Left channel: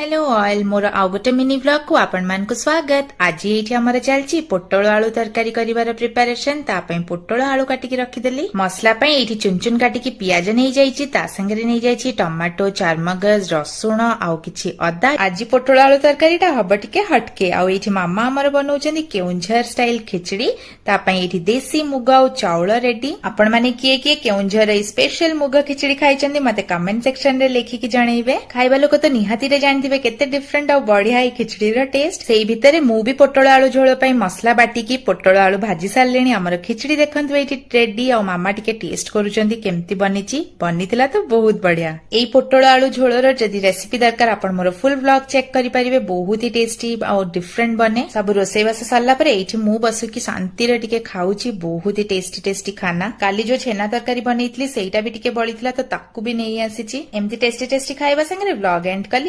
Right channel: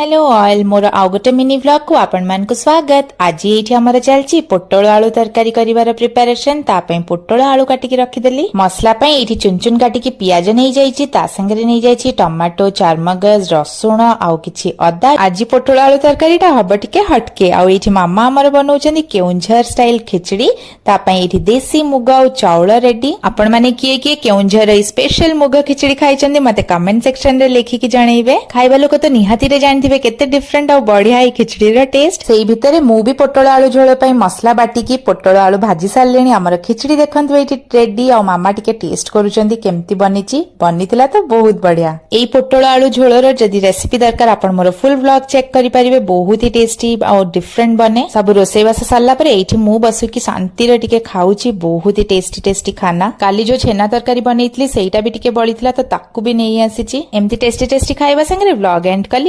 Hello oil मोर आउ गोटे mini vlog को आपण मान को स्वागत। आज ये आमर चलची पोटल आलू तरकारी करिवार प्रिपरेशन। तापई पोटल आलू काटिकी रखिदेली। मसला पई एठी चुन चुन काटिकी पियाज नहीं जाइछि, ता संगे नहीं जाइछि टमाटो, चारमगज, रसुण आउ किछि अदा। आज पोटल आलू तरकारीटा हब टिके हटके। आउ एठी मामा हमर बनौछन्ती केउंझर स्टाइल खिचड़ी। तापई एठी देसी मुग आउ चाउल रेडी। आपण माने किए किए केउंझर स्पेशल मुग खिचड़ी खाइछन्ती मते कमेंट सेक्शन रे लिखिकी जणैबे। खाइबा लोक तो निहाती रे जानि केते डिफरेंट और बढ़िया है खिचड़ी रा टेस्ट। सेही भितरे मु भी पोटल आलू झोल पई मसला बाटिकी पोटल आलू भाजी सारलेनी। हमर खिचड़ी देखंतु एठी रेडी। और मामा टिके टेस्ट करूचंदी केमती बनिची। बनितिला तो बहुत बढ़िया। एई पोटल आलू झोलर जदी रेसिपी दरकार आपण मोर फुल व्लॉग चेक करि परिबे। बहुत ही टेस्टी और डिफरेंट बने। सब रोसई बास सारला परे एठी मु बसुकी शांति रे टिके खाउची। बहुत ही टेस्टी टेस्टी खाना। काली जो छेना तरकारी बनैतली सेईटा भी टिके बळितला तो ताकू भी नेई आसीची। एमती टेस्टी टेस्टी खाइबा संगे व्लॉग एंड कली।